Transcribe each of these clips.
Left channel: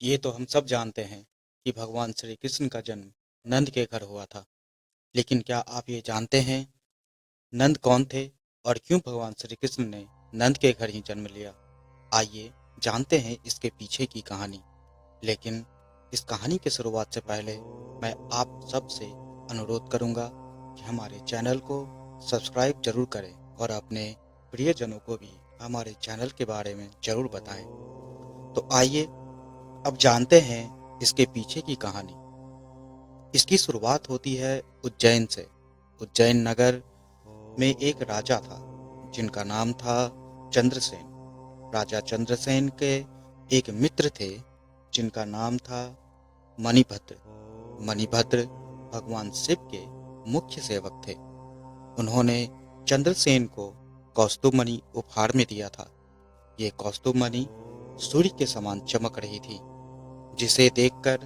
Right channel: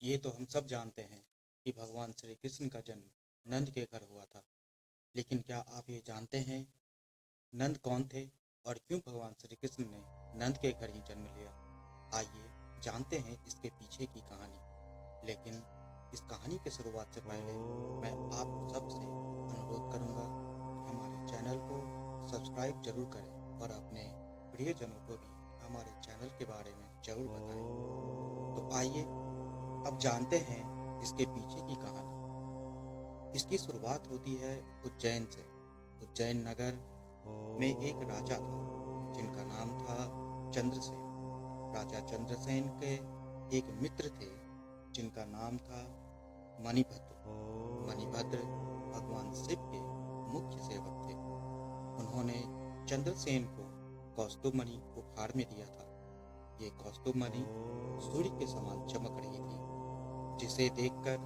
ये तो हम सब जानते हैं कि भगवान श्री कृष्ण का जन्म नंद के घर हुआ था। लेकिन क्या आप ये जानते हैं नंद कौन थे और क्यों भगवान श्री कृष्ण ने नंद के घर ही जन्म लिया? आइए जानते हैं इसके पीछे की कहानी। लेकिन इस कहानी की शुरुआत से पहले मैं आप सबसे अनुरोध करूंगा कि हमारे चैनल को सब्सक्राइब जरूर करें और अपने प्रियजनों को भी हमारे चैनल के बारे में जरूर बताएं। तो आइए अब जानते हैं इसके पीछे की कहानी। इसकी शुरुआत होती है उज्जैन से। उज्जैन नगर में एक राजा था जिनका नाम था चंद्रसेन। राजा चंद्रसेन के एक मित्र थे जिनका नाम था मणिभद्र। मणिभद्र भगवान शिव के मुख्य सेवक थे। उन्होंने चंद्रसेन को कौस्तुभमणि उपहार में दिया था। ये कौस्तुभमणि सूर्य के समान चमक रही थी, जिसे देखकर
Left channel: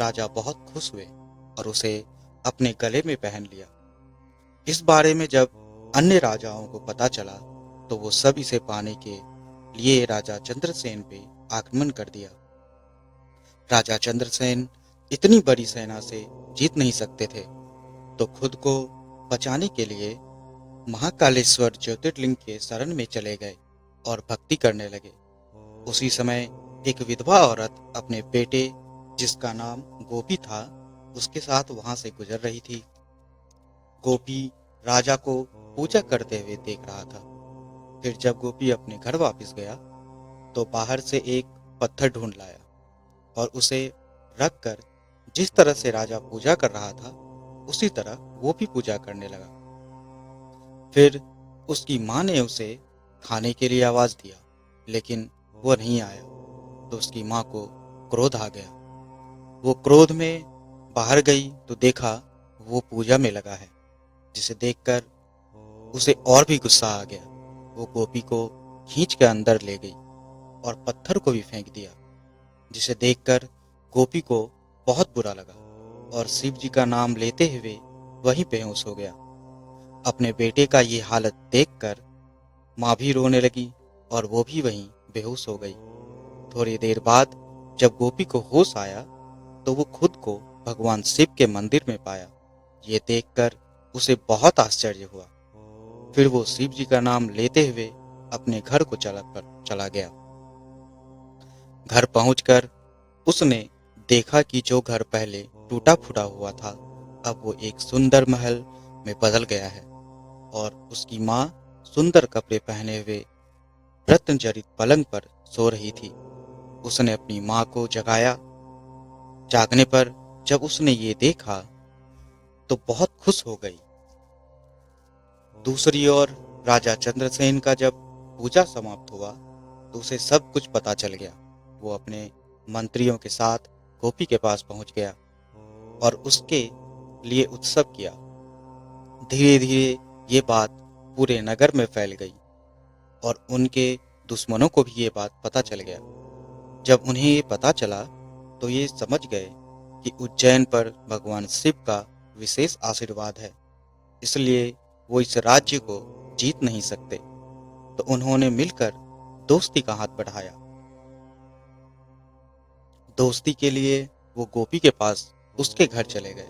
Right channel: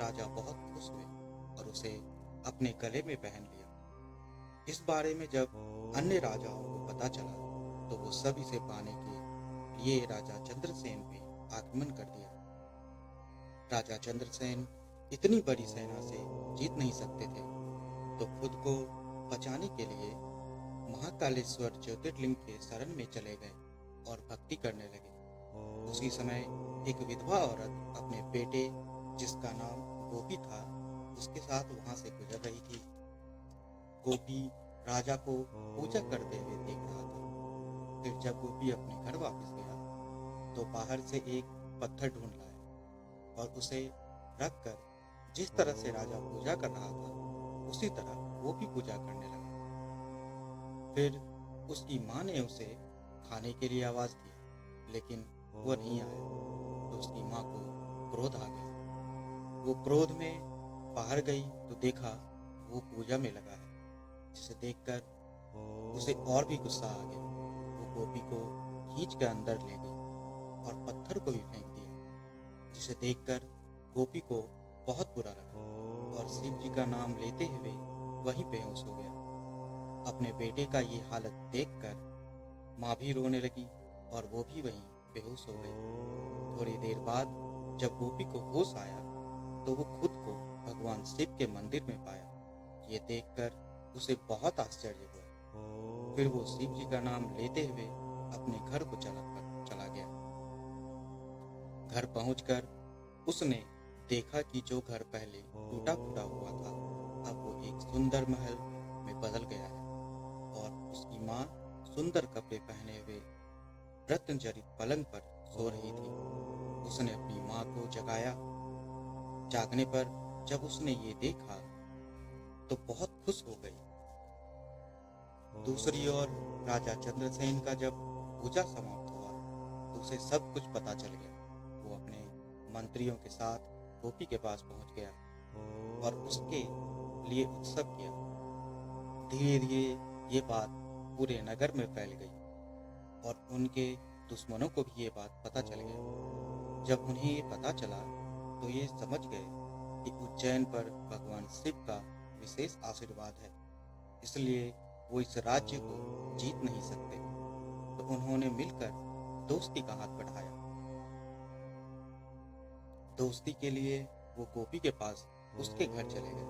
राजा बहुत खुश हुए और उसे अपने गले में पहन लिया। इस बारे में जब अन्य राजाओं को पता चला तो वो सब इसे पाने के लिए राजा चंद्रसेन पे आक्रमण कर दिया। राजा चंद्रसेन इतनी बड़ी सेना से जीत नहीं सकते थे, तो खुद को बचाने के लिए महाकालेश्वर ज्योतिर्लिंग के शरण में चले गए और भक्ति करने लगे। उसी समय एक विधवा औरत अपने बेटे, जिसका नाम गोपी था, उसके साथ वहां से गुजर रही थी। गोपी राजा को पूजा करते हुए देख रहा था। फिर जब गोपी अपने घर वापस गया तो बाहर से एक पत्थर ढूंढ लाया और उसे रखकर जिस तरह से राजा पूजा कर रहा था उसी तरह वो भी पूजा करने लगा। फिर उसकी माँ ने उसे खाने के लिए आवाज दिया, लेकिन वो नहीं आया। तो उसकी माँ को क्रोध आ गया। वो क्रोध में बाहर गई तो देखा वो पूजा में लगा है, जिसे देखकर उसे और भी गुस्सा आ गया। वो गोपी को खींच के अंदर ले गई और पत्थर को भी फेंक दिया, जिसे देखकर गोपी को बहुत बुरा लगा और शिव जी का नाम लेते हुए वहीं बेहोश हो गया। अपने बेटे का ये हालत देखकर माँ भी रोने लगी और वो भी वहीं बेहोश हो गई। थोड़ी देर बाद जब गोपी को होश आया तो वो खुद को भगवान शिव के मंदिर में पाया। ये देखकर उसे बहुत आश्चर्य हुआ। फिर वो शिव जी का नाम लेते हुए अपने घर को चला गया। घर पहुंचकर उसने देखा कि जो घर पहले टूटा फूटा हुआ था अब वो एक सुंदर महल में बदल गया है और उसकी माँ सुंदर कपड़े पहने हुए रत्नजड़ित पलंग पर सो रही थी। उसने अपनी माँ को जगाया। जागने पर जब उसने ये देखा तो बहुत खुश हो गई। दूसरी ओर राजा चंद्रसेन का जब पूजा समाप्त हुआ तो उसे सब कुछ पता चल गया। वो अपने मंत्रियों के साथ गोपी के पास पहुंच गया और उसके लिए उत्सव किया। धीरे धीरे ये बात पूरे नगर में फैल गई और उनके दुश्मनों को भी ये बात पता चल गया। जब उन्हें ये पता चला तो ये समझ गए कि उज्जैन पर भगवान शिव का विशेष आशीर्वाद है, इसलिए वो इस राज्य को जीत नहीं सकते। तो उन्होंने मिलकर दोस्ती का हाथ बढ़ाया। दोस्ती के लिए वो गोपी के पास उसके घर चले गए।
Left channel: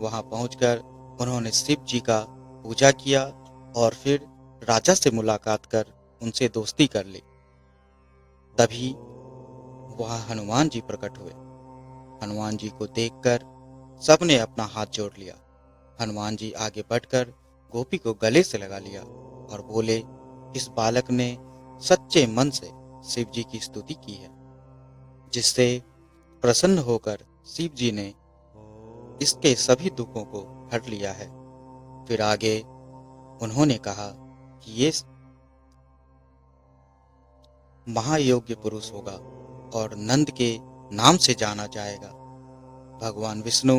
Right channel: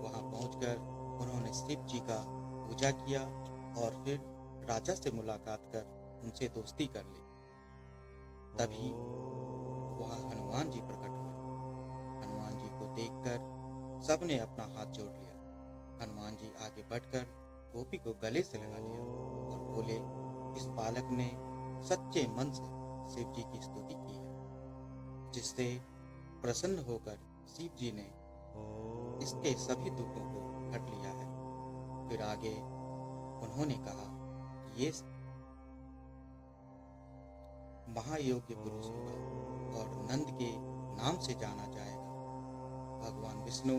वहां पहुंचकर उन्होंने शिव जी का पूजा किया और फिर राजा से मुलाकात कर उनसे दोस्ती कर ली। तभी वहां हनुमान जी प्रकट हुए। हनुमान जी को देखकर सबने अपना हाथ जोड़ लिया। हनुमान जी आगे बढ़कर गोपी को गले से लगा लिया और बोले, इस बालक ने सच्चे मन से शिव जी की स्तुति की है, जिससे प्रसन्न होकर शिव जी ने इसके सभी दुखों को हर लिया है। फिर आगे उन्होंने कहा कि ये महायोग्य पुरुष होगा और नंद के नाम से जाना जाएगा। भगवान विष्णु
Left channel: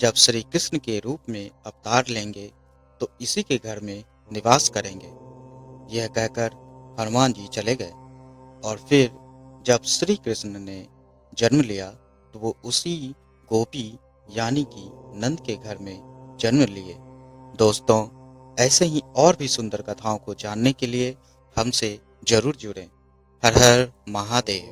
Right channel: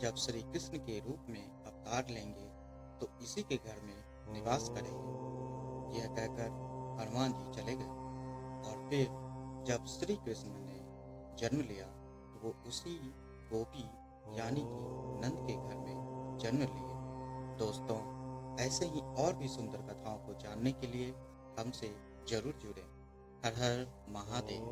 जब श्री कृष्ण के रूप में अवतार लेंगे तो इसी के घर में निवास करेंगे। यह कहकर हनुमान जी चले गए और फिर जब श्री कृष्ण ने जन्म लिया तो वो उसी गोपी यानी कि नंद के घर में जन्म लिए। दोस्तों, ऐसे ही और भी सुंदर कथाओं को जानने के लिए हमसे जरूर जुड़ें। हर हर महादेव।